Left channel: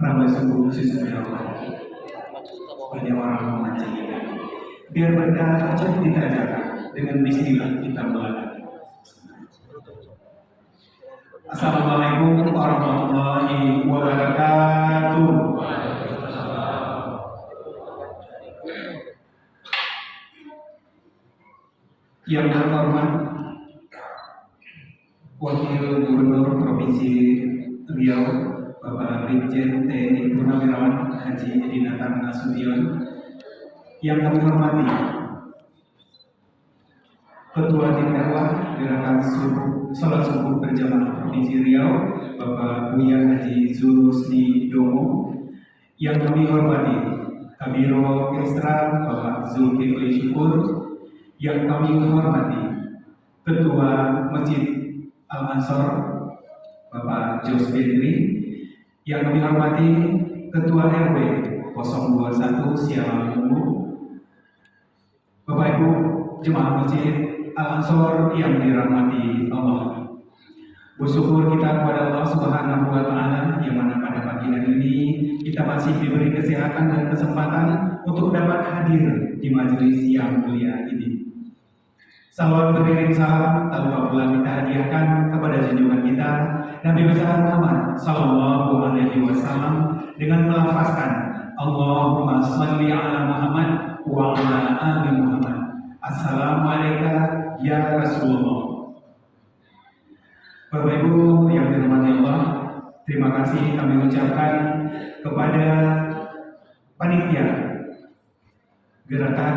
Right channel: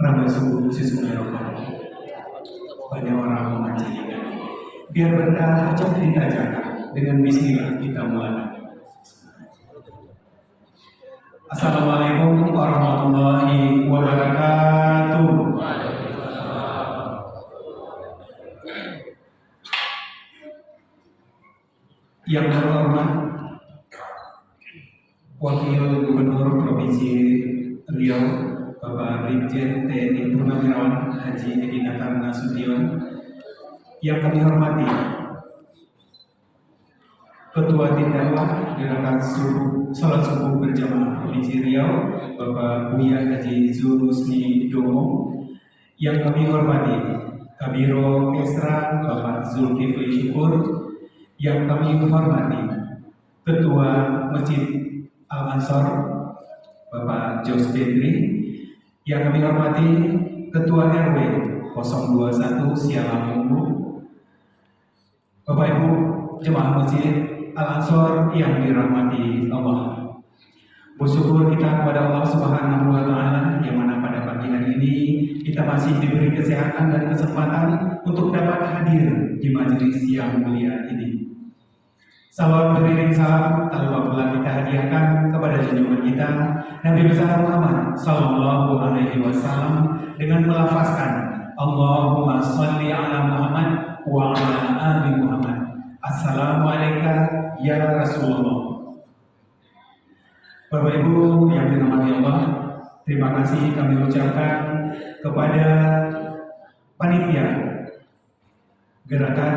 Raga sungguh sesungguhnya Allah. Banyak orang memancing ikan. Biar berkah aja kita jaga. Dengan bismillah kita mulai. Assalamualaikum warahmatullahi wabarakatuh. Yang terhormat Wakil Gubernur Provinsi Riau, Bapak Brigjen TNI Purnawirawan Haji Edi Natar Nasution. Yang kami hormati Ketua Tim Dakwah Gerakan Sholat Subuh Berjamaah Provinsi Riau, Bapak Buya Haji Zulhusni Domo. Yang kami hormati Kabiro Kesra Bapak Zulkifli Syukur. Yang kami hormati Ketua Masjid Al-Ansor Bapak Jos Bedri. Yang kami hormati Ketua RW 021 Sialamunggu, Bapak Ibu Jemaah Masjid Al-Ansor yang dirahmati Allah. Bersyukur kita kepada Allah Subhanahu wa Ta'ala yang mana pada pagi hari ini kita masih diberi kesehatan dan kesempatan untuk dapat hadir di majelis yang mulia ini. Salawat beriring salam tak lupa pula kita hadiahkan kepada junjungan kita Nabi besar Muhammad Sallallahu Alaihi Wasallam dengan melafazkan Allahumma salli ala Muhammad wa ala ali Muhammad. Assalamualaikum ya Rasulullah. Bapak Ibu yang dirahmati Allah, terima kasih kami ucapkan kepada panitia gerakan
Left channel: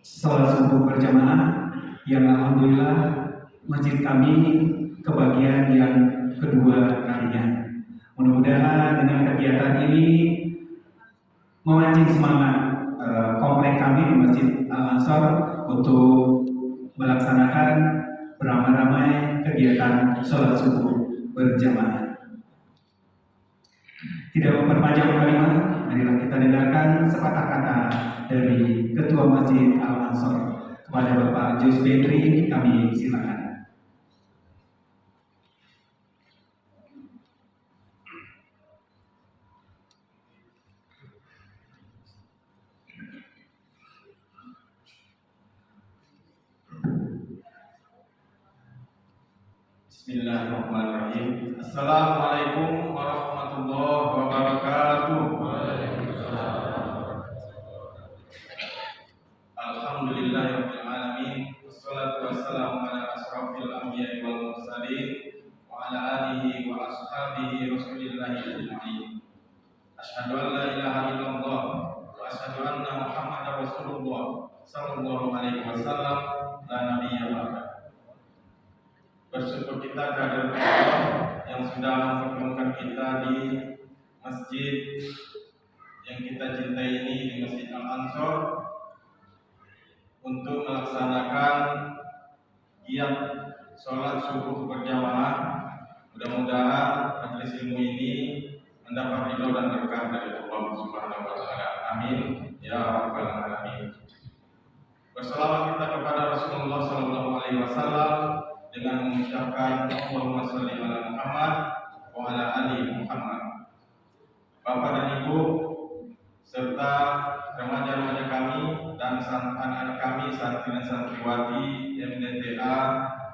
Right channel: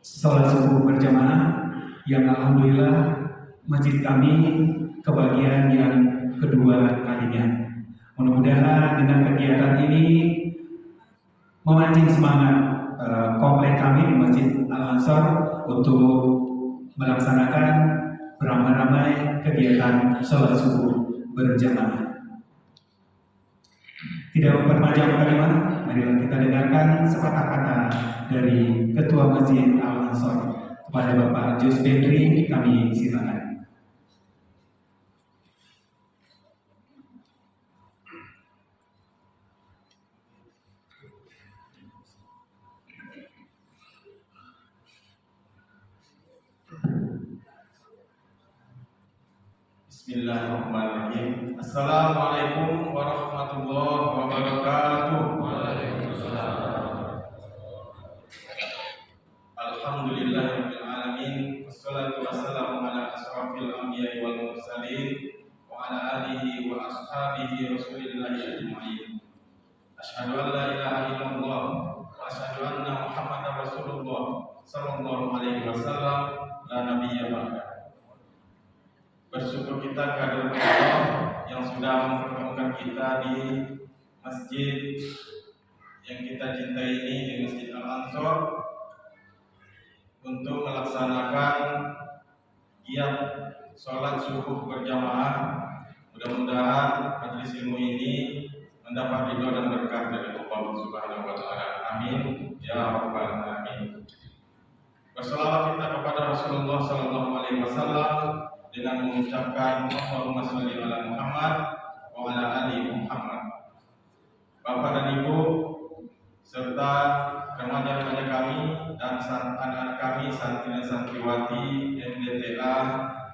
sholat subuh berjamaah yang alhamdulillah masjid kami kebagian yang kedua kalinya. Mudah-mudahan dengan kegiatan ini memancing semangat komplek kami di Masjid Al-Ansor untuk melaksanakan beramai-ramai kegiatan sholat subuh berjamaah. Tidak memperpanjang kalimat, marilah kita dengarkan sepatah kata dari Ketua Masjid Al-Ansor. Kepada Bapak Jos Bedri, kami silakan. Bismillahirrahmanirrahim. Assalamualaikum warahmatullahi wabarakatuh. Alhamdulillahirabbil alamin. Wassalatu wassalamu ala asrofil anbiya'i wal mursalin wa ala alihi wa ashabihi rasulillahi ajma'in. Asyhadu an la ilaha illallah wa asyhadu anna Muhammadar Rasulullah sallallahu alaihi wasallam la nabiyya ba'da. Bersyukur kita kehadirat Allah yang sudah mempertemukan kita di masjid yang kita cintai ini, di Masjid Al-Ansor, untuk melaksanakan giat sholat subuh berjamaah. Mudah-mudahan majelis ilmu ini mendapat ridho dan berkah dari Allah Subhanahu wa Ta'ala. Amin ya rabbal alamin. Berselawat kita kepada Rasulullah sallallahu alaihi wasallam dengan mengucapkan Allahumma sholli ala Muhammad wa ala ali Muhammad. Bapak dan Ibu serta remaja-remaja kami dan anak-anak kami, santri dan santriwati MDTA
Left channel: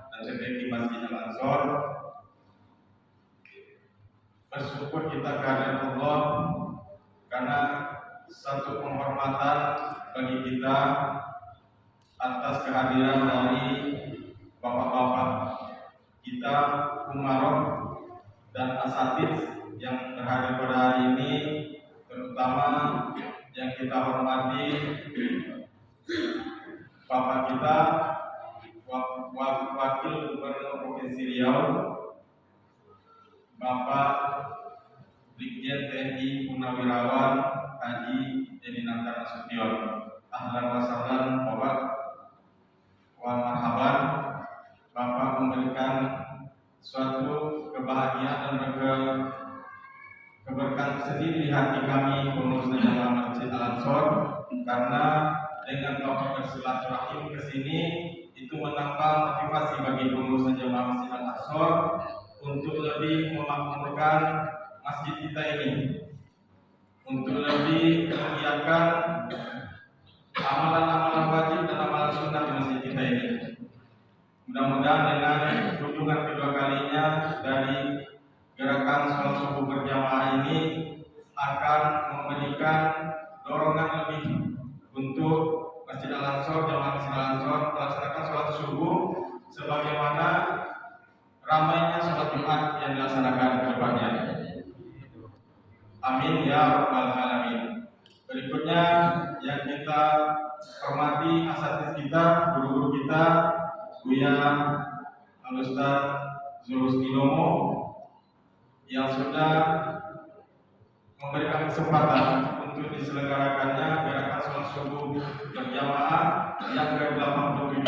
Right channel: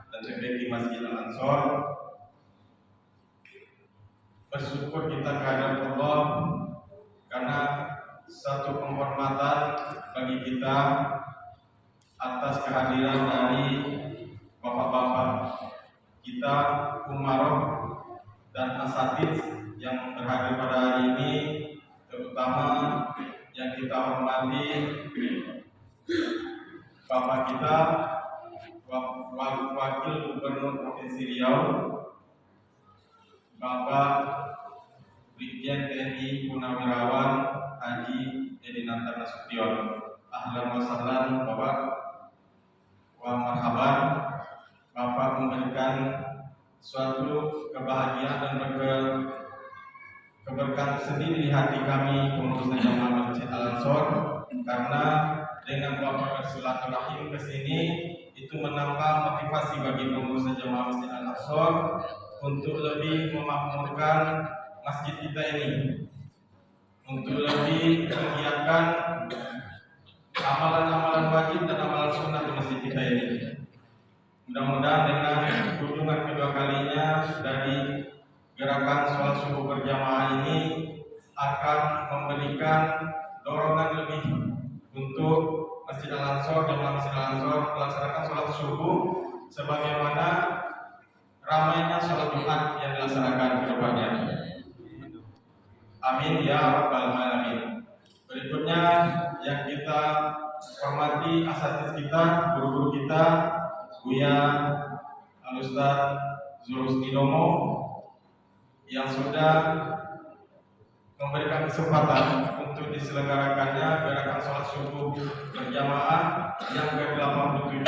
dan TPQ Masjid Al-Ansor, bersyukur kita kehadirat Allah karena satu penghormatan bagi kita atas kehadiran dari bapak-bapak kita, umaroh dan asatidz yang terhadir pada hari ini, terutama yang kita hormati bapak kita Wakil Gubernur Provinsi Riau, Bapak Brigjen TNI Purnawirawan Haji Edi Natar Nasution. Ahlan wa sahlan Bapak, wa marhaban. Bapak memberikan suatu kebahagiaan dan keberkahan sendiri di hati kami pengurus jamaah Masjid Al-Ansor, karena dengan Bapak bersilaturahim ke sini itu menambah motivasi bagi pengurus jamaah Masjid Al-Ansor untuk lebih memakmurkan masjid masjid kita ini untuk lebih menggiatkan amalan-amalan wajib dan amalan sunnah di masjid kita ini. Mudah-mudahan dengan kunjungan kedua kalinya dari gerakan sholat subuh berjamaah ini akan memberikan dorongan lebih untuk Masjid Al-Ansor, jamaah Masjid Al-Ansor melaksanakan sholat subuh sebagaimana ramainya sholat Jumat yang dilaksanakan ke depannya. Amin ya rabbal alamin. Berikutnya yang kita hormati asatidz kita, guru-guru kita, Buya Al-Ustaz Zulhusnidomo yang sudah memberikan kesempatan untuk diselenggarakannya gerakan sholat subuh berjamaah yang ke-87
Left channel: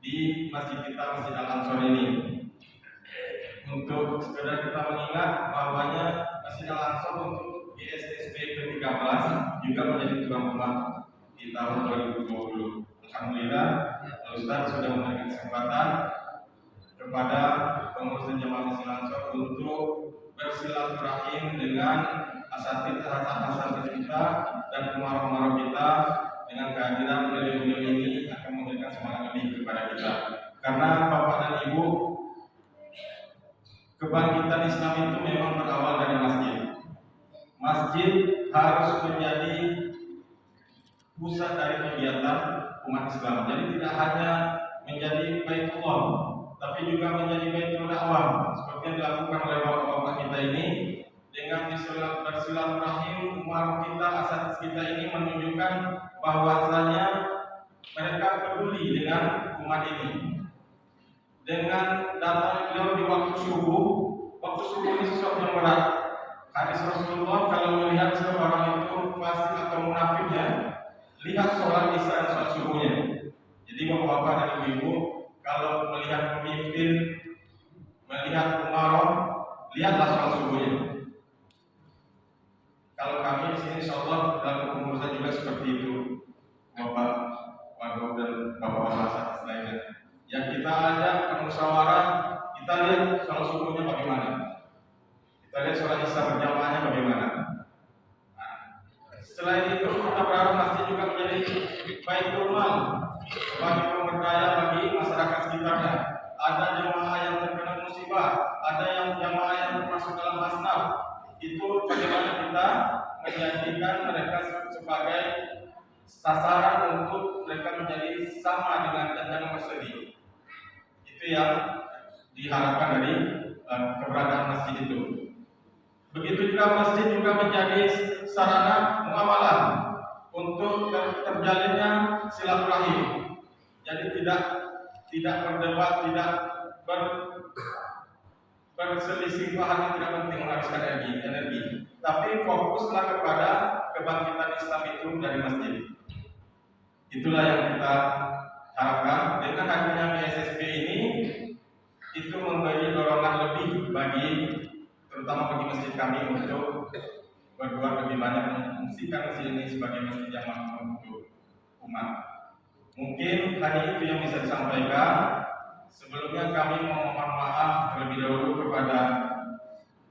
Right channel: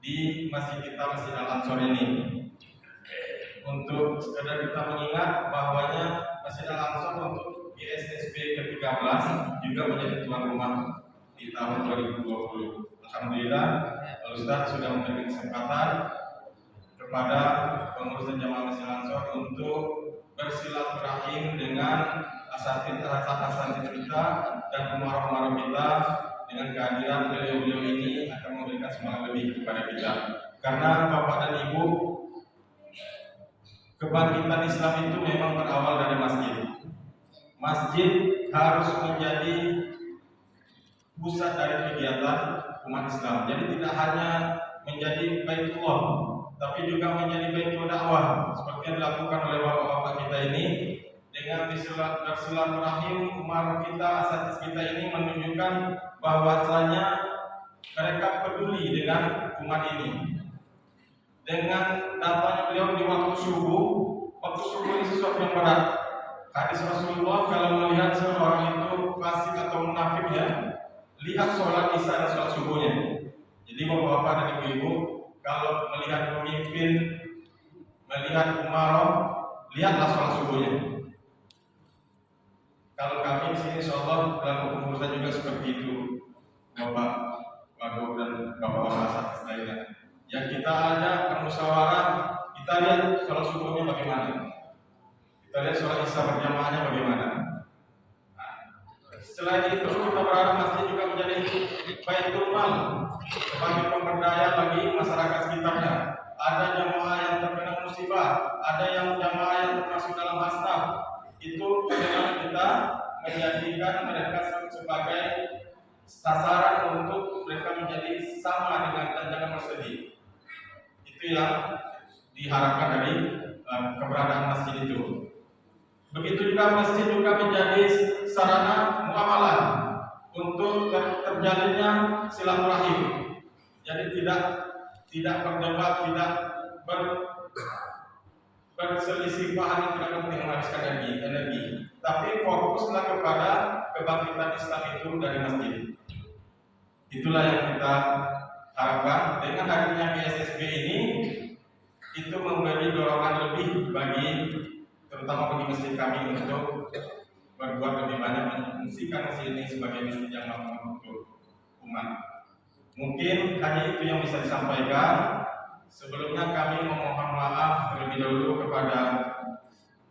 di masjid kita, Masjid Al-Ansor ini. Untuk sekedar kita mengingat bahwanya Masjid Al-Ansor untuk GSSB ke-13 juga menjadi tuan rumah di tahun 2020. Alhamdulillah, Al-Ustaz sudah memberikan kesempatan kepada pengurus dan jamaah Masjid Al-Ansor untuk bersilaturahim dengan asatidz kita dan umarah-umarah kita. Dengan kehadiran beliau-beliau ini akan memberikan semangat lebih kepada kita. Karena Bapak dan Ibu, kebangkitan Islam itu memang berawal dari masjid. Masjid harus menjadi pusat dari kegiatan umat Islam. Jadi tidak hanya menjadi Baitullah, tapi juga menjadi Baitul Dakwah seperti yang dilakukan oleh bapak-bapak kita ini. Dengan bersilaturahim umat kita, asatidz kita ini menunjukkan bahwasanya mereka peduli dengan umat ini. Dengan datangnya beliau di waktu subuh ini sesuatu yang berat. Hadis Rasulullah kalau melihat seorang itu fasik atau munafik, ya, lihat sholat isya dan sholat subuhnya. Jadi bapak-bapak dan ibu-ibu, kalau melihat pemimpin, melihat umarah, lihatlah sholat subuhnya. Kalau kami di sini insyaallah dalam kepengurusan juga seperti itu, Bapak Wagub dan Bapak-bapak asatidz lainnya. Yang kita ada bermusyawarah, kita lihat sholat subuhnya bagaimana, kita lihat sholat isya berjamaahnya bagaimana. Nah, selain itu kita berharap masjid juga menjadi baitul mal sebagai pemberdaya bagi masyarakat sekitarnya. Ada jamaah yang terkena musibah, ada yang jamaah yang termasuk dalam hasnah. Itu bagaimana kita menjadikan mereka sebagai sasaran untuk mereka menjadi sama dengan dan jangan bersedih. Itu yang diharapkan dari keberadaan masjid itu. Begitu juga masjid juga menjadi sarana muamalah untuk terjalinnya silaturahim. Jadi tidak berdebat, tidak berselisih paham yang tidak penting menghabiskan energi, tapi fokuslah kepada kebangkitan Islam itu dari masjid. Itulah yang kita harapkan. Dengan hadirnya GSSB ini, itu memberi dorongan lebih terutama bagi masjid kami untuk berbuat lebih banyak, memfungsikan masjid ini sebagai masjid yang mampu untuk umat. Mungkin hanya itu yang bisa disampaikan. Sebelumnya kami memohon maaf terlebih dahulu kepada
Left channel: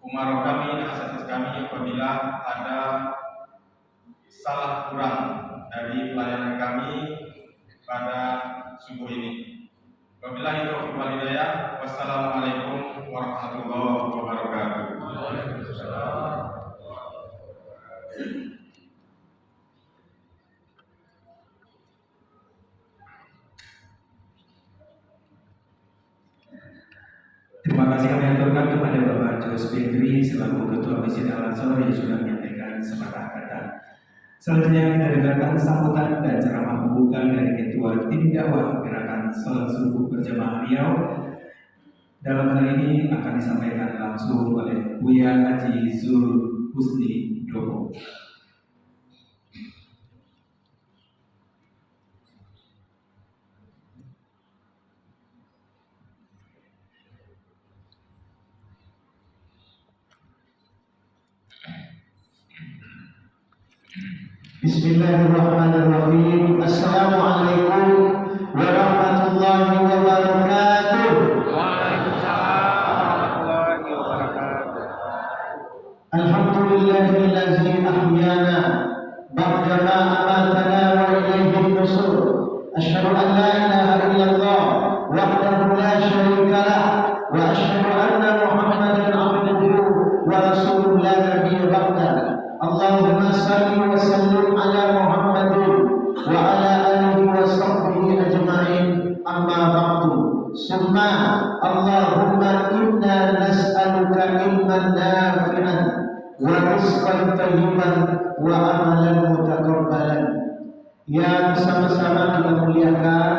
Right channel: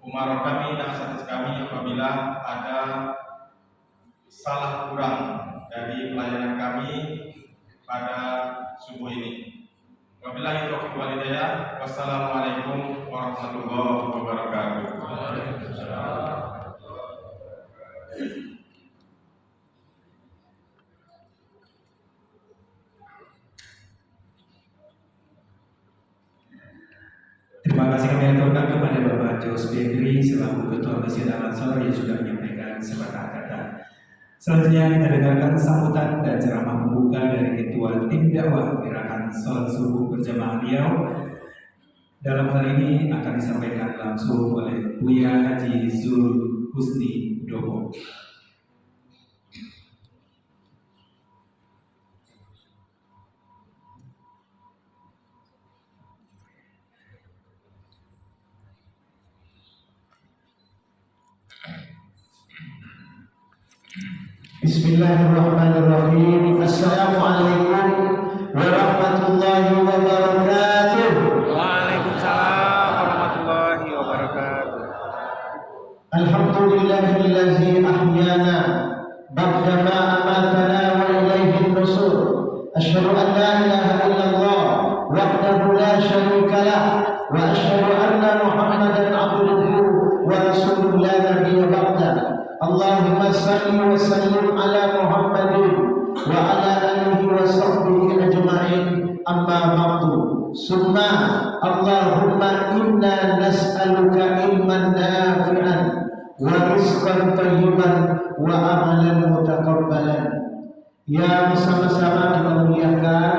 umarah kami dan asatidz kami apabila ada salah kurang dari pelayanan kami pada subuh ini. Wabillahi taufiq wal hidayah. Wassalamualaikum warahmatullahi wabarakatuh. Terima kasih kami aturkan kepada Bapak Jos Bedri selaku Ketua Masjid Al-Ansor yang sudah menyampaikan sepatah kata. Selanjutnya kita dengarkan sambutan dan ceramah pembuka dari Ketua Tim Dakwah Gerakan Sholat Subuh Berjamaah Riau. Dalam hal ini akan disampaikan langsung oleh Buya Haji Zulhusnidomo. Bismillahirrahmanirrahim. Assalamualaikum warahmatullahi wabarakatuh. Waalaikumsalam warahmatullahi wabarakatuh. Alhamdulillahillazi ahyana ba'dama amatana wa ilaihin nusur. Asyhadu an la ilaha illallah wahdahu la syarika lah wa asyhadu anna Muhammadan abduhu wa rasuluhu la nabiyya ba'dah. Allahumma salli wa sallim ala Muhammadin wa ala alihi wa sahbihi ajma'in. Amma ba'du. Summa Allahumma inna nas'aluka ilman nafi'an wa rizqan thayyiban wa amalan mutaqabbalan. Yang sama-sama kita muliakan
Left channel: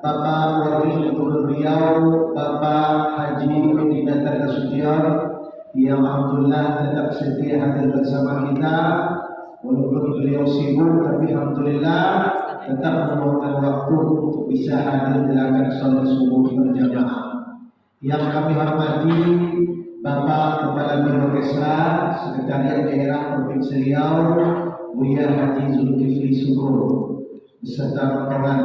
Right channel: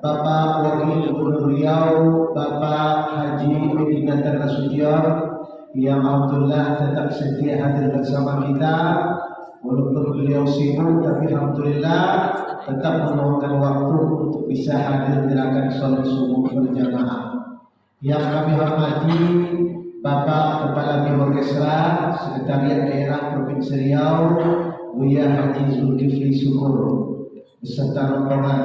Bapak Wakil Gubernur Riau, Bapak Haji Edi Gantar Nasution, yang alhamdulillah tetap setia hadir bersama kita walaupun beliau sibuk, tapi alhamdulillah tetap meluangkan waktu untuk bisa hadir menjalankan sholat subuh berjamaah. Yang kami hormati Bapak Kepala Biro Kesla, Sekretariat Daerah Provinsi Riau, Buya Haji Zulkifli Syukur beserta rombongan.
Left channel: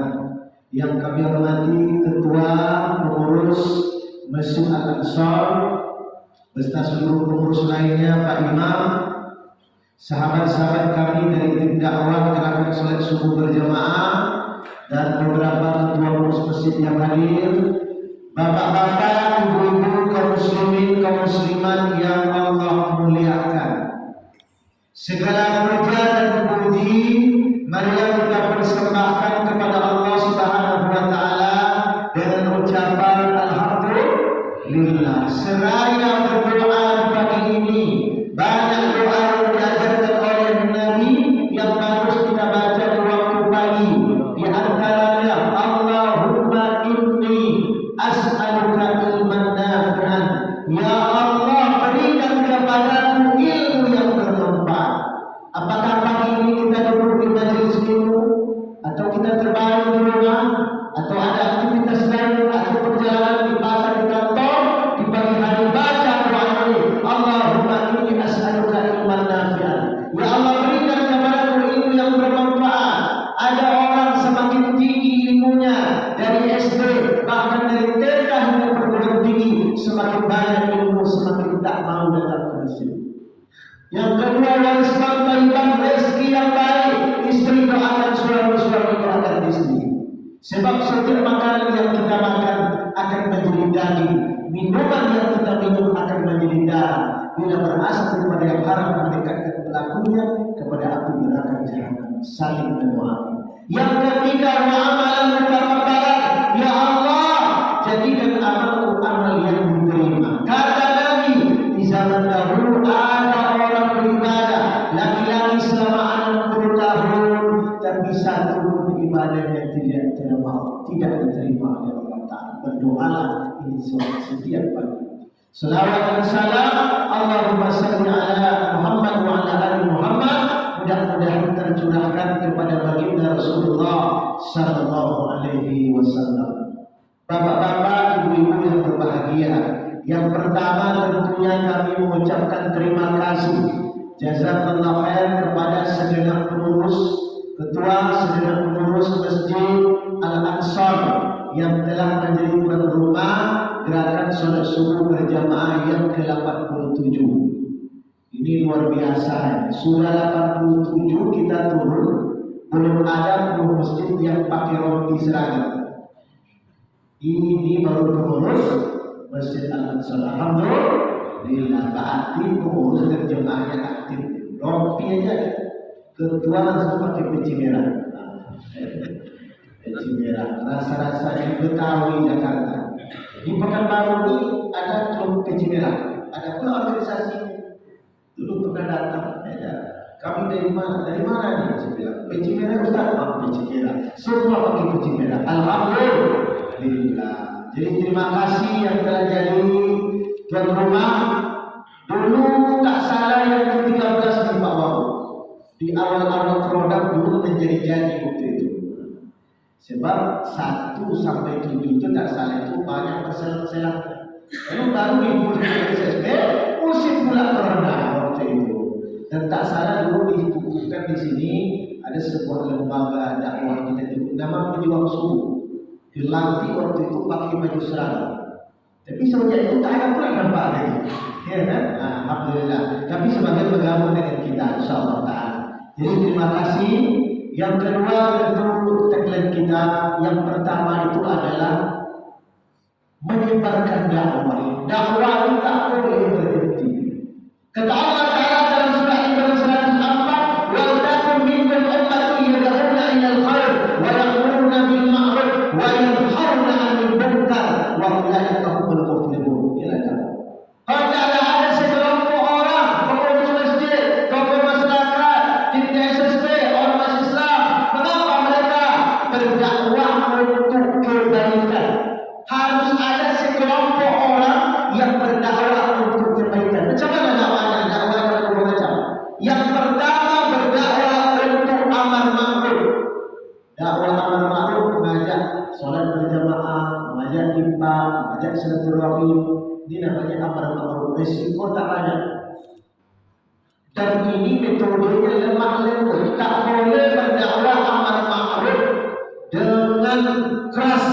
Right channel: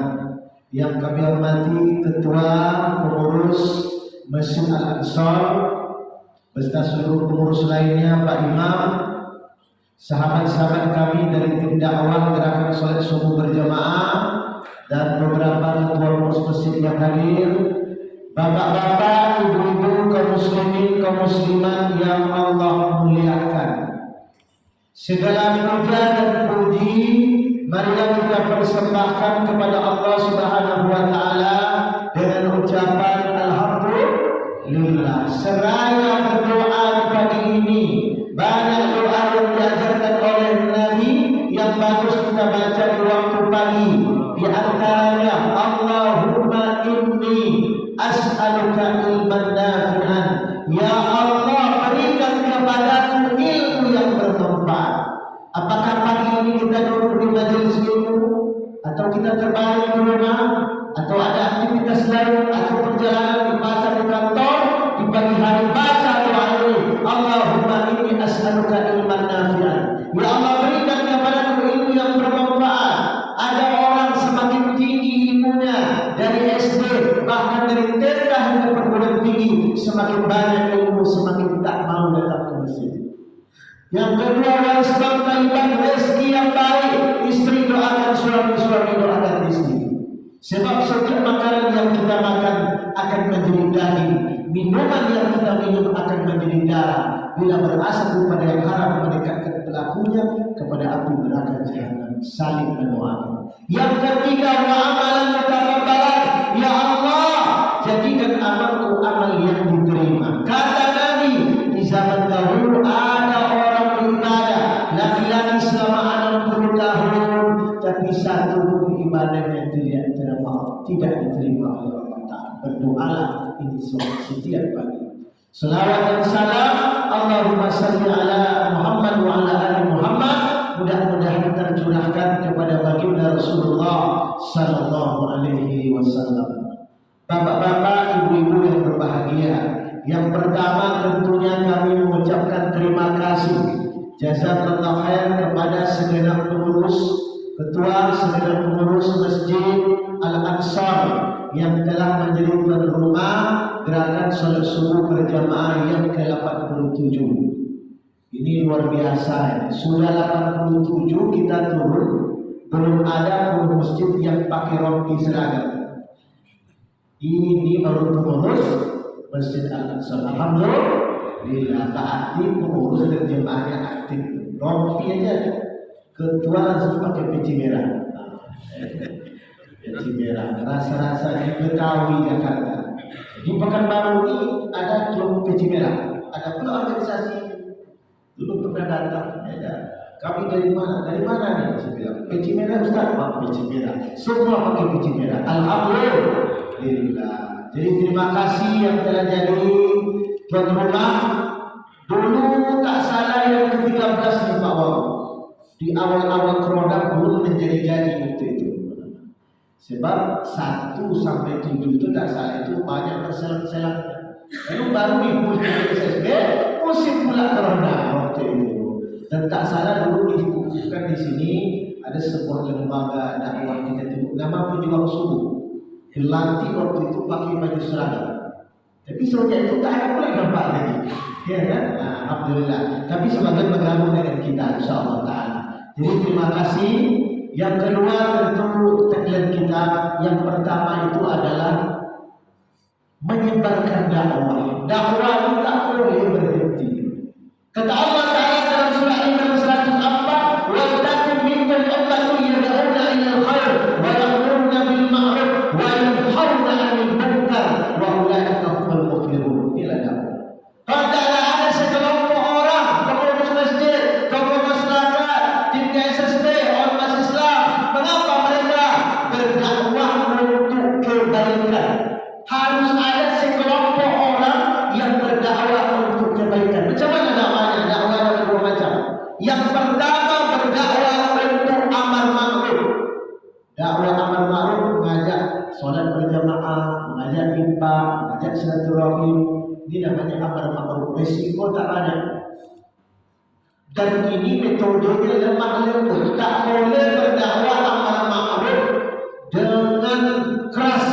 Yang kami hormati Ketua Pengurus Masjid Al-Ansor beserta seluruh pengurus lainnya, Pak Imam, sahabat-sahabat kami dari tim dakwah gerakan sholat subuh berjamaah, dan beberapa ketua pengurus masjid yang hadir, bapak-bapak, ibu-ibu, kaum muslimin, kaum muslimat yang Allah muliakan. Segala puja dan puji marilah kita persembahkan kepada Allah Subhanahu wa taala dengan ucapan alhamdulillah. Seraya berdoa pagi ini, banyak doa yang diajarkan oleh Nabi yang bagus kita baca di waktu pagi. Di antaranya Allahumma inni as'aluka ilman nafi'an. Ya Allah, berikan kepadaku ilmu yang bermanfaat. Apakah pagi ini kita duduk di majelis ilmu, atau kita terbaring di rumah, atau ada aktivitas lain, atau perjalanan di pasar, di kantor, di pagi hari baca doa ini, Allahumma inni as'aluka ilman nafi'an. Ya Allah, berikan kepadaku ilmu yang bermanfaat. Ada orang semakin tinggi ilmunya dari SD, bahkan dari TK hingga perguruan tinggi, semakin banyak ilmu semakin tak mau datang ke masjid. Yang kedua, rizqan thayyiban, rezeki yang baik. Istri doakan suami, suami doakan istri. Sebab setiap makanan yang kita makan akan menjadi daging, minuman yang kita minum akan menjadi darah. Bila berasal daripada yang haram, mendekatkan pelakunya kepada api neraka jahanam. Saling mendoakan. Yang ketiga, wa amalan mutaqabbalan. Ya Allah, jadikan amalku amal yang diterima. Kata Nabi, di zaman dahulu ada orang beribadah laki-laki selama 60 tahun, tapi satu pun ibadahnya tidak diterima oleh Allah Ta'ala. Berdoalah ini setiap pagi. Selawat dan salam Allahumma salli ala Muhammad wa ala ali Muhammad, mudah-mudahan tercurahkan kepada baginda Rasulullah sallallahu alaihi wasallam. Bapak-bapak, ibu-ibu yang berbahagia, yang pertama tentunya kami mengucapkan terima kasih jazakallahu khair kepada segenap pengurus, ketua segenap pengurus Masjid Al-Ansor yang telah menjadi tuan rumah gerakan sholat subuh berjamaah yang ke-87. Ini luar biasa. Sudah 87 kita turun, belum ada pengurus masjid yang pakai rompi seragam. Ini baru pengurus Masjid Al-Ansor. Alhamdulillah, berarti pengurus dan jemaahnya aktif. Rompi aja, ketua langsung pakai peci merah. Peci merah, rasa-rasanya Betawi Jakarta. Di Pekanbaru ini ada klub peci merah, ada pula organisasi. Dulu pernah datang, ada. Kami dari mana? Dari mana nih? Saya bilang, peci merah Ustaz, Pak, peci merah. Semua pakai peci merah. Alhamdulillah. Jadi terima kasih yang telah jadi tuan rumah. Dulu tak salah yang ke-13 di Pak Bau. Di awal-awal corona belum menjadi-jadi waktu itu. Sebab 1 sampai 7 itu tak salah itu banyak berselang-selang. Lalu baru minggu SSB musim pula corona waktu itu. Dan tak salah dulu dikukuhkan di sini ada sebuah lembaga dakwah kita itu nama Pejuang Subuh. Dilantik waktu itu pakai baju seragam. Tapi semenjak itu tak ada pula nampak lagi. Ya kan? Nah, alhamdulillah. Tapi sebagai bergabung dengan kita, insyaAllah ta'ala. Jadi terima kasih. Yang kedua tentu tagline kita yang pertama itu adalah menyebarkan dakwah. Dakwah itu tak boleh berhenti. Kata Allah Ta'ala dalam surah Al-Imran 104, "Wa takum minkum ummati yad'una ila al-khair wa ya'muruna bil ma'ruf wa yanhauna 'anil munkar wa ulaika humul muflihun." Inilah dakwah. Padahal ada sekelompok orang, pengurus masjid, tokoh masyarakat, tim SSB, ormas Islam, mengapa mereka berdakwah untuk kebaikan? Harus ada sekelompok orang yang berdakwah untuk kebaikan. Macam mana dakwahnya? Dakwahnya bermacam. Yang pertama berdakwah untuk amar ma'ruf. Dakwah amar ma'ruf mengajak solat berjamaah, mengajak infak, mengajak silaturahim. Ini namanya amar ma'ruf. Resiko tak ada. Dan ini metodenya lemah lembut. Tak boleh berdakwah amar ma'ruf dengan keras.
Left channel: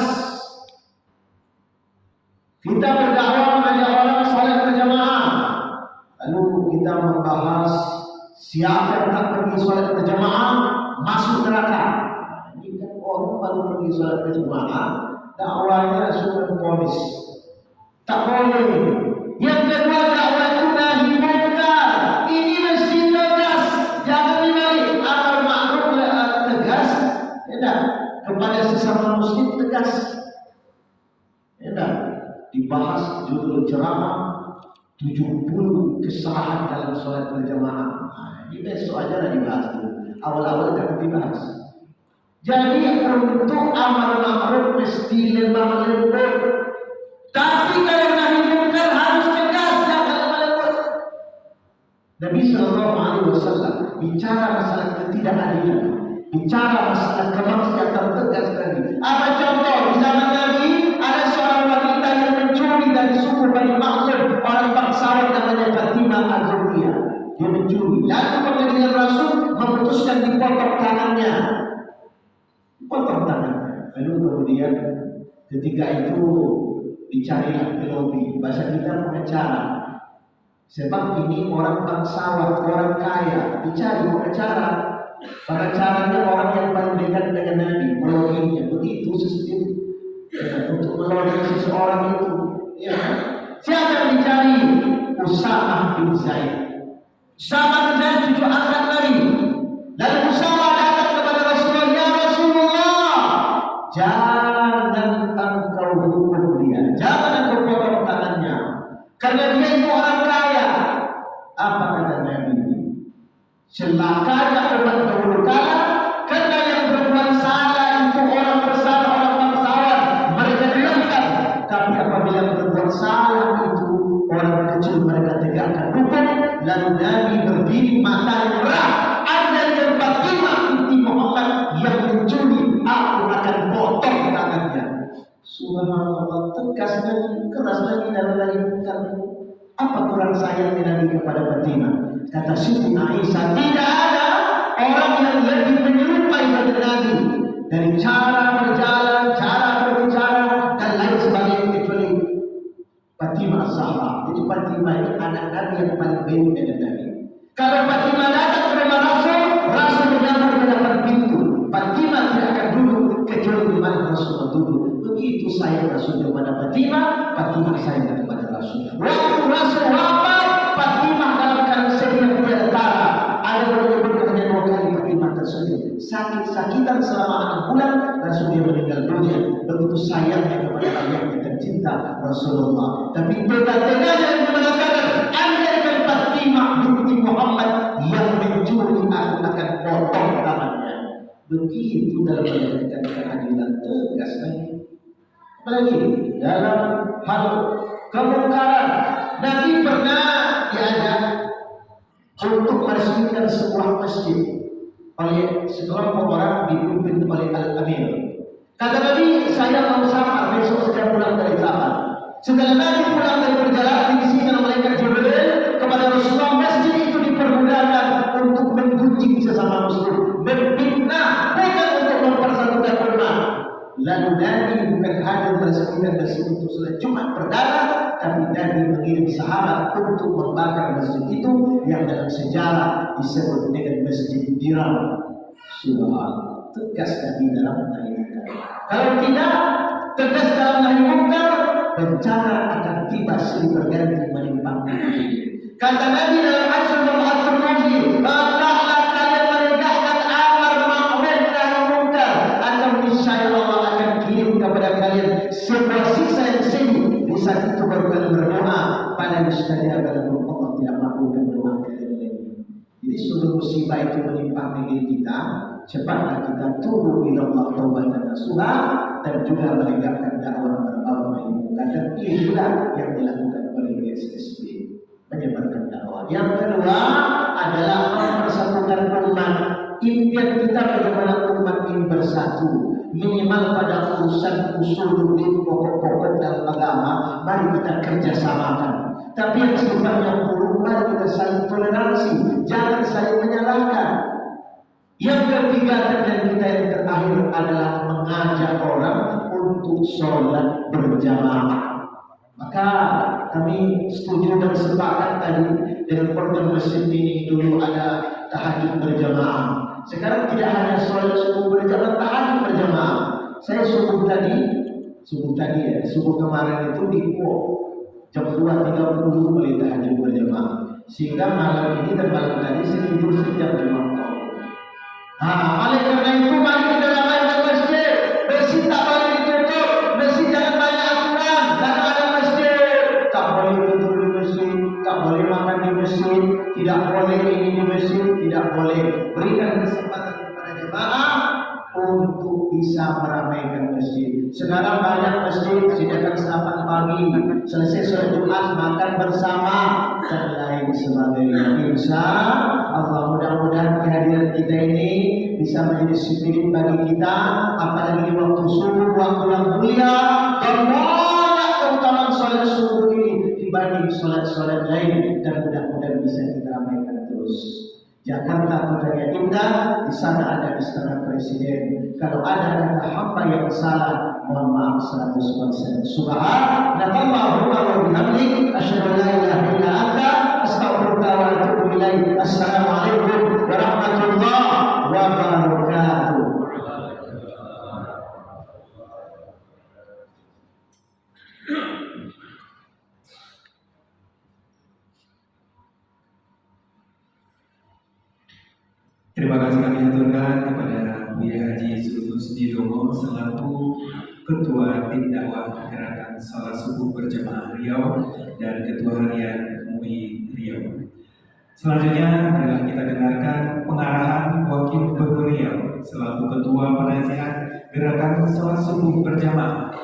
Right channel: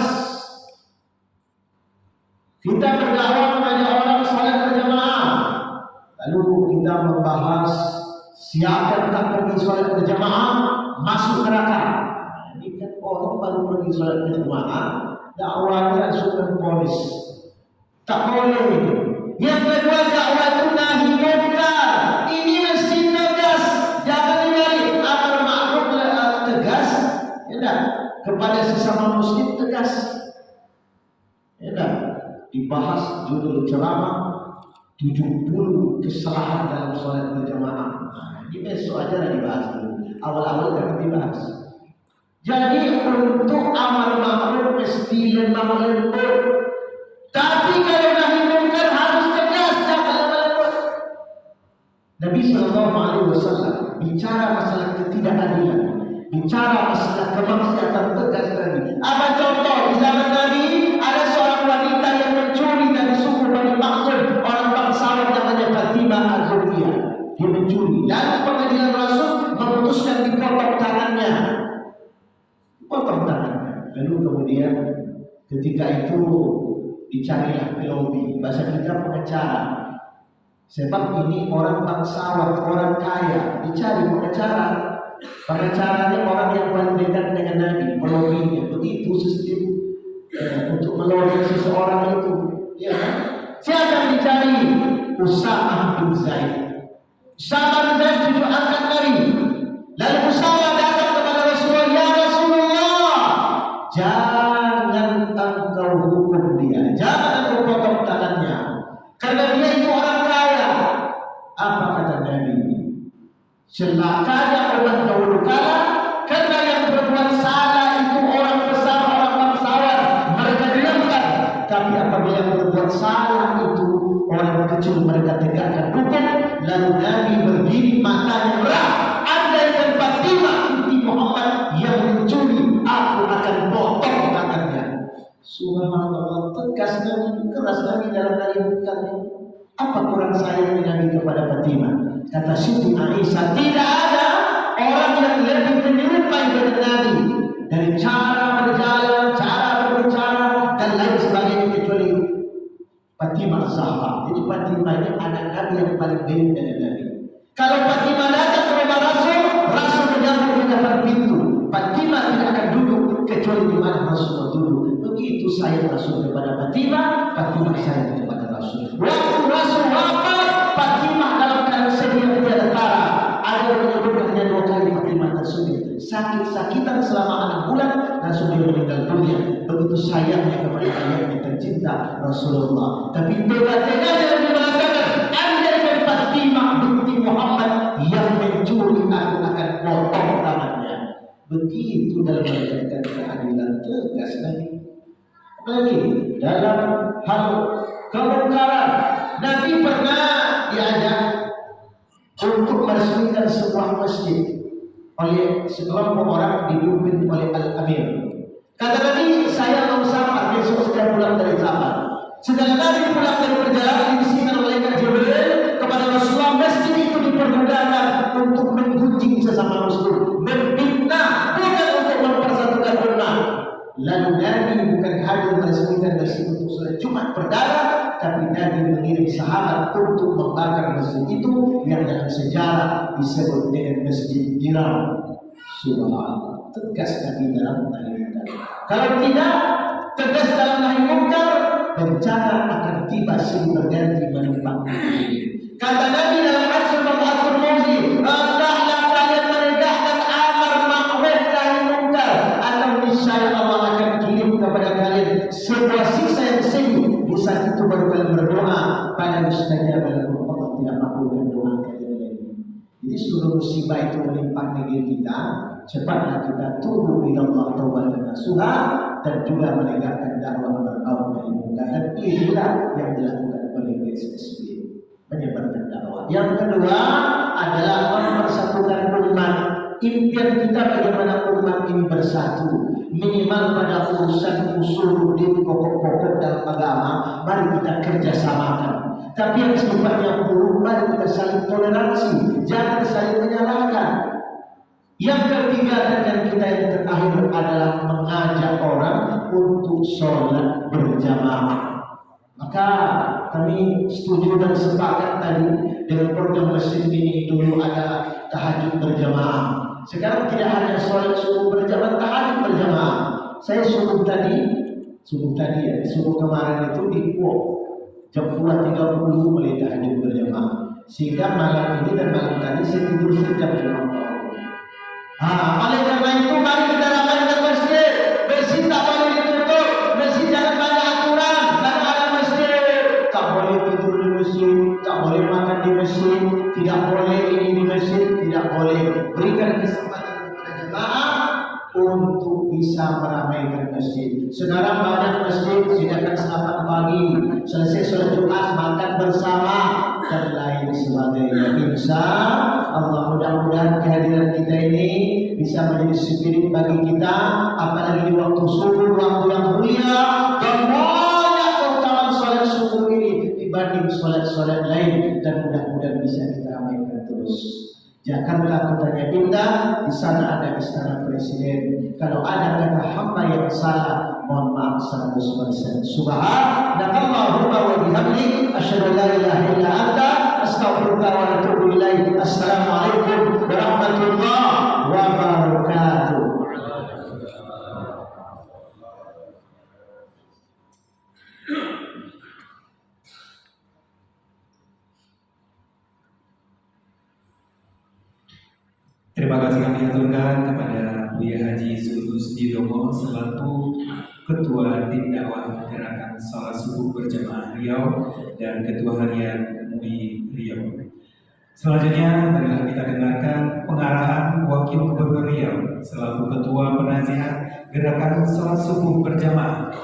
Kita berdakwah mengajak orang salat berjamaah. Lalu kita membahas siapa yang tak pergi salat berjamaah masuk neraka. Ini kan orang baru pergi salat berjamaah, dakwahnya sudah polis. Tak boleh. Yang kedua dakwah itu nahi munkar. Ini mesti tegas. Jangan dibalik. Amar ma'ruf tegas. Ya, kepada sesama muslim tegas. Ya, dibahas judul ceramah 70 kesalahan dalam solat berjamaah. Ini besok aja dah dibahas dulu. Awal-awal jangan dibahas. Jadi untuk amar ma'ruf mesti lemah lembut. Tapi kalau nahi munkar harus tegas, jangan lembut. Nabi SAW bicara masalah ketidakadilan, bicara masalah kemaksiatan tegas tadi. Apa contoh di zaman Nabi? Ada seorang wanita yang mencuri dari suku Bani Makhzum, orang bangsawan namanya Fatimah Az-Zuhriyah. Dia mencuri. Lalu pengadilan Rasul memutuskan dipotong tangannya. Potong tangannya. Lalu kemudian ketika itu dicarilah pelobi. Bahasa kita pengacara. Sebab ini orang bangsawan, orang kaya. Dicari pengacara. Pengacaranya orang yang paling dekat dengan Nabi. Melobinya. Begitu sistem untuk melobi seseorang itu. Ya. Siapa yang dicari? Usamah bin Zaid. Usamah bin Zaid cucu angkat Nabi. Lalu Usamah datang kepada Rasulullah, "Ya Rasulullah, jangan engkau hukum dia, jangan engkau potong tangannya, karena dia itu orang kaya." Apa kata Nabi? Celakanya orang dahulu kala, karena yang berbuat salah itu orang besar, orang bangsawan, mereka diamkan. Tapi apabila berbuat salah itu orang kecil, mereka tegakkan hukum. Lalu Nabi berdiri matanya merah. Andai yang Fatimah binti Muhammad yang mencuri, aku akan potong tangannya. Subhanallah, tegas Nabi, keras Nabi dalam menyebutkan. Apa kurang sayangnya Nabi kepada Fatimah? Kata Siti Aisyah, tidak ada orang yang lebih menyerupai dengan Nabi dari cara berjalan, cara berbicara dan lain sebagainya kecuali Fatimah Az-Zahra. Jadi Fatimah ini anak Nabi yang paling baik dengan Nabi. Kalau Fatimah datang kepada Rasul, Rasul menyambut di depan pintu. Fatimah tidak akan duduk kecuali di mana Rasul duduk. Begitu sayang Rasul kepada Fatimah, Fatimah sayang kepada Rasul. Waktu Rasul wafat, Fatimah dalam keadaan sedih tiada tara. Ada yang menyebutkan dengan 2 kali Fatimah tersebut. Sakit-sakitan selama 6 bulan, Rasul dia meninggal dunia. Begitu sayangnya kepada ayahnya tercinta Rasulullah. Tapi tega-teganya Nabi mengatakan, andaikan Fatimah binti Muhammad yang mencuri, aku akan potong tangannya. Begitu dalam menegakkan keadilan tegas Nabi. Apalagi dalam hal kemungkaran, Nabi pernah diajak untuk meresmikan sebuah masjid oleh sekelompok orang dipimpin oleh Al-Amir. Kata Nabi, saya mau sama besok sedang pulang dari zaman. Setelah Nabi pulang dari perjalanan, dibisikkan malaikat Jibril kepada Rasulullah, masjid itu dipergunakan untuk menggunjing sesama muslim, memfitnah, bukan untuk mempersatukan umat. Lalu Nabi bukan hanya meresmikan masjid untuk sholat Jumat perdana, Nabi mengirim sahabat untuk membakar masjid itu yang dalam sejarah disebut dengan Masjid Diram. Subhanallah, tegas Nabi dalam nahi munkar. Kalau tidak tegas dalam nahi munkar, bencana akan tiba silih berganti menimpa ini. Kata Nabi dalam hadis Al-Qudsi, hendaklah kalian menegakkan amar ma'ruf nahi munkar, atau niscaya Allah akan kirim kepada kalian sebuah siksa yang sengit. Di saat itu baru kalian berdoa, pada mustajab lakum, Allah tidak makbulkan doa kalian lagi. Jadi sebelum musibah itu menimpa negeri kita, cepatlah kita tubu ila Allah taubatan nasuha dan juga menegakkan dakwah berbaur nahi munkar. Dan inilah yang dilakukan oleh GSSB, menyebarkan dakwah. Yang kedua adalah mempersatukan umat. Impian kita bagaimana umat ini bersatu, minimal pada urusan usuluddin, pokok-pokok dalam agama, mari kita kerjasamakan. Tapi yang sifatnya buruk, mari kita saling toleransi, jangan saling menyalahkan. Yang ketiga dan kita yang terakhir adalah mengajak orang untuk sholat berjamaah. Maka kami setuju dan sepakat tadi dengan program masjid ini. Dulu ada tahajud berjamaah. Sekarang tidak hanya sholat subuh berjamaah, tahajud berjamaah. Saya subuh kemarin itu di jam 2.30 mulai tahajud berjamaah. Sehingga malam ini dan malam tadi saya tidur sejam 5 tahun. Oleh karena itu mari kita ramaikan masjid. Masjid tak boleh ditutup. Masjid jangan banyak aturan. Karena ada masjid, tak boleh tidur di masjid, tak boleh makan di masjid, tidak boleh ini di masjid, tidak boleh. Berikan kesempatan kepada jemaah untuk bisa meramaikan masjid. Sekarang banyak masjid sediakan sarapan pagi, selesai sholat Jumat makan bersama dan lain sebagainya. Insya Allah mudah-mudahan kehadiran kita ini bisa menjadi spirit bagi kita, apalagi di waktu subuh, waktu yang mulia, dan banyak keutamaan sholat subuh ini dibanding sholat-sholat lain, dan mudah-mudahan bisa kita ramaikan terus. Jakarta kotanya indah, di sana ada istana presiden. Kalau ada kata hamba yang salah, mohon maaf 100%. Subhanallah wa bihamdihi, asyhadu an la ilaha illa anta, astaghfiruka wa atubu ilaik. Assalamualaikum warahmatullahi wabarakatuh. Terima kasih kami aturkan kepada Buya Haji Zulus Didomo selaku Ketua Tim Dakwah Gerakan Salat Subuh Berjamaah Riau dan Ketua Harian MUI Riau. Selanjutnya adalah kita dengarkan pengarahan Wakil Gubernur Riau selaku Ketua Penasihat Gerakan Salat Subuh Berjamaah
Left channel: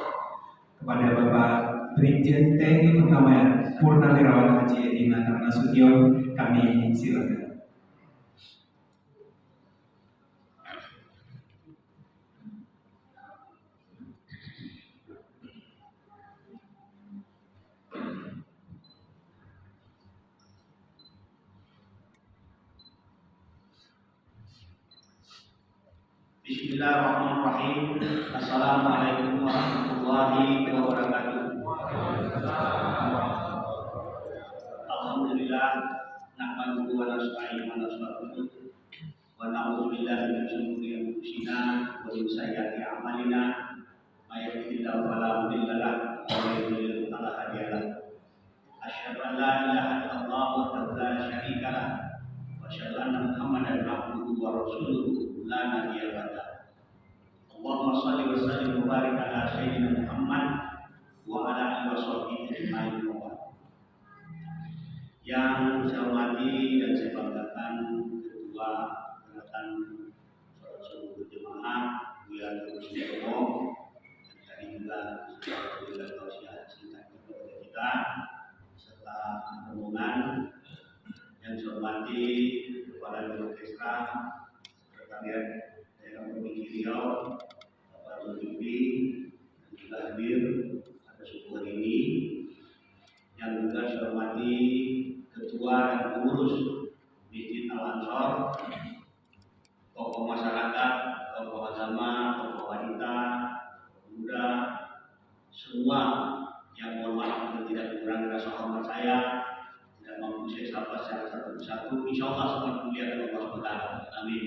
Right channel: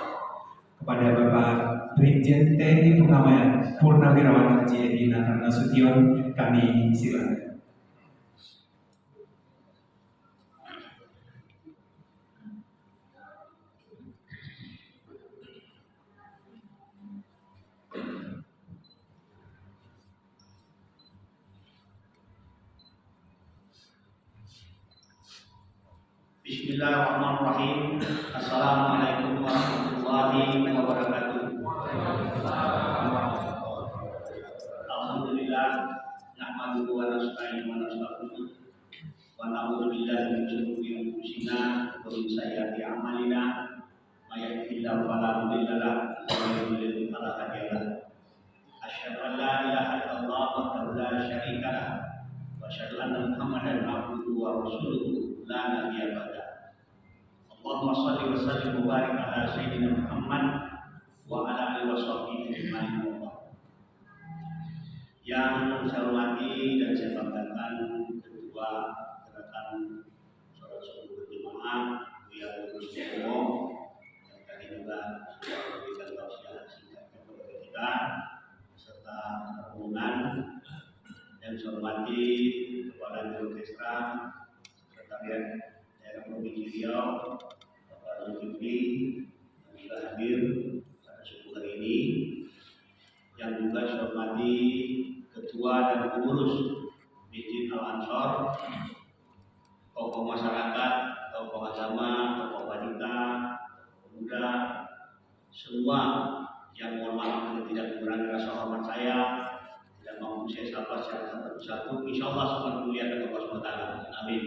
kepada Bapak Brigjen TNI Purnawirawan Haji Edi Natar Nasution. Kami silakan. Bismillahirrahmanirrahim. Assalamualaikum warahmatullahi wabarakatuh. Alhamdulillah, nahmaduhu wa nasta'inuhu wa nastaghfiruh wa na'udzu billahi min shururi anfusina wa min sayyiati a'malina. May yahdihillahu fala mudilla lahu wa may yudlil fala hadiya lahu. Asyhadu an la ilaha illallah wahdahu la syarika lahu wa asyhadu anna Muhammadan abduhu wa rasuluhu la nabiyya ba'da. Allahumma shalli wa sallim wa barik ala sayyidina Muhammad wa ala alihi wa sahbihi ajma'in. Yang saya hormati dan saya banggakan Ketua Gerakan Salat Subuh Berjamaah Buya Haji Didomo, dan tadi juga sudah memberikan tausiah singkat kepada kita serta rombongan. Yang saya hormati Kepala Biro Orkestra Sekretariat Daerah Provinsi Riau, Bapak Zulkifli, dan juga hadir pada subuh hari ini. Yang juga saya hormati Ketua dan Pengurus Masjid Al-Ansor, tokoh masyarakat, tokoh agama, tokoh wanita, pemuda, semua Yang mohon maaf bila tidak mengurangi rasa hormat saya, tidak mampu saya sapa secara satu persatu. Insya Allah sangat mulia dari Allah SWT. Amin.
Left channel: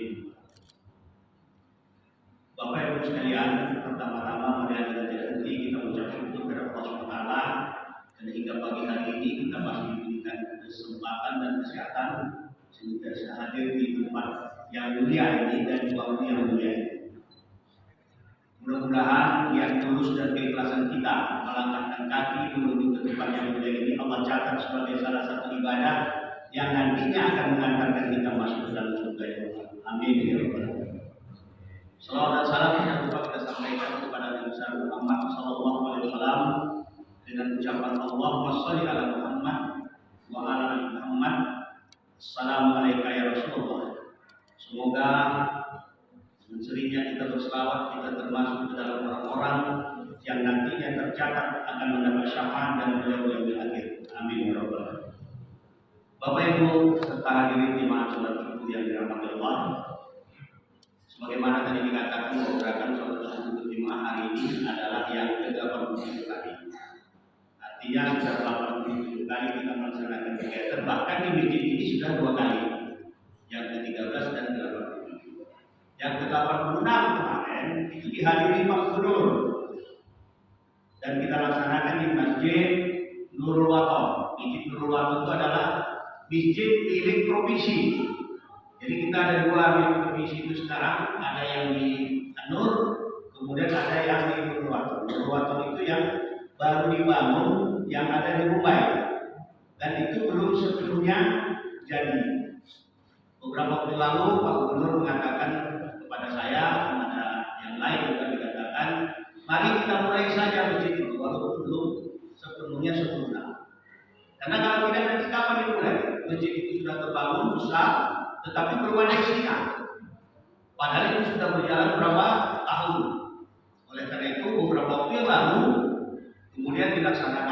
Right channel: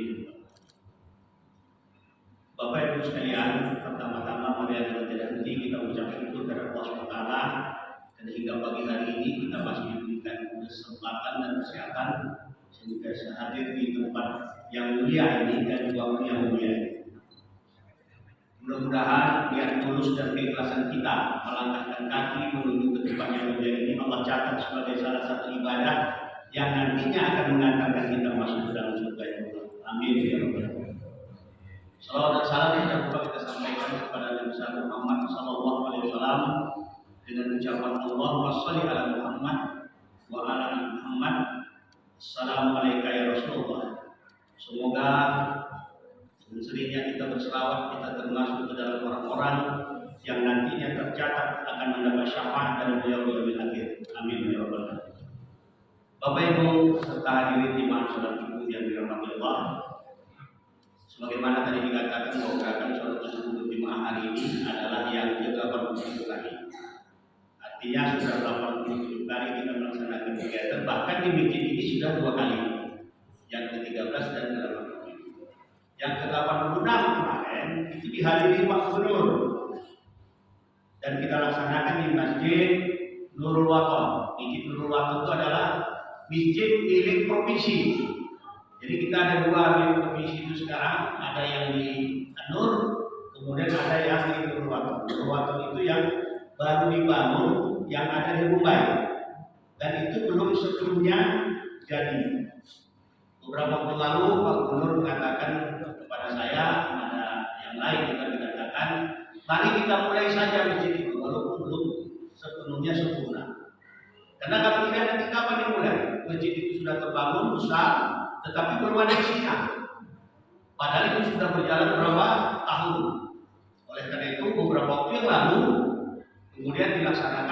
Bapak Ibu sekalian, pertama-tama mari kita tidak henti kita ucap syukur kepada Allah SWT karena hingga pagi hari ini kita masih diberikan kesempatan dan kesehatan sehingga bisa hadir di tempat yang mulia ini dan di waktu yang mulia ini. Mudah-mudahan niat tulus dan keikhlasan kita melangkahkan kaki menuju ke tempat yang mulia ini Allah catat sebagai salah satu ibadah yang nantinya akan mengantarkan kita masuk ke dalam surga yang Allah. Amin ya rabbal alamin. Salawat dan salam tidak lupa kita sampaikan kepada Nabi besar Muhammad sallallahu alaihi wasallam dengan ucapan Allahumma shalli ala Muhammad wa ala ali Muhammad. Assalamualaikum ya Rasulullah. Semoga dengan seringnya kita berselawat kita termasuk ke dalam orang-orang yang nantinya tercatat akan mendapat syafaat dan beliau yaumil akhir. Amin ya rabbal alamin. Bapak Ibu serta hadirin jemaah salat subuh yang dirahmati Allah. Sebagaimana tadi dikatakan bahwa gerakan salat subuh berjemaah hari ini adalah yang ke-87 kali. Artinya sudah 87 kali kita melaksanakan kegiatan, bahkan di masjid ini sudah 2 kali. Yang ke-13 dan ke-87. Yang ke-86 kemarin itu dihadiri Pak Gubernur. Dan kita laksanakan di Masjid Nurul Wathon. Masjid Nurul Wathon itu adalah masjid milik provinsi. Jadi kita ada 2 milik provinsi itu sekarang, ada yang di Nur, kemudian ada yang di Nurul Wathon. Nurul Wathon itu yang baru dibangun, yang ada di Mumbai. Dan itu belum sepenuhnya jadi. Beberapa waktu lalu Pak Gubernur mengatakan kepada saya, ada yang lain juga dikatakan, mari kita mulai saja masjid itu walaupun belum sepenuhnya sempurna. Karena kalau tidak nanti kapan dimulai? Masjid itu sudah terbangun besar, tetapi belum ada isinya. Padahal itu sudah berjalan berapa tahun. Oleh karena itu beberapa waktu yang lalu kemudian dilaksanakan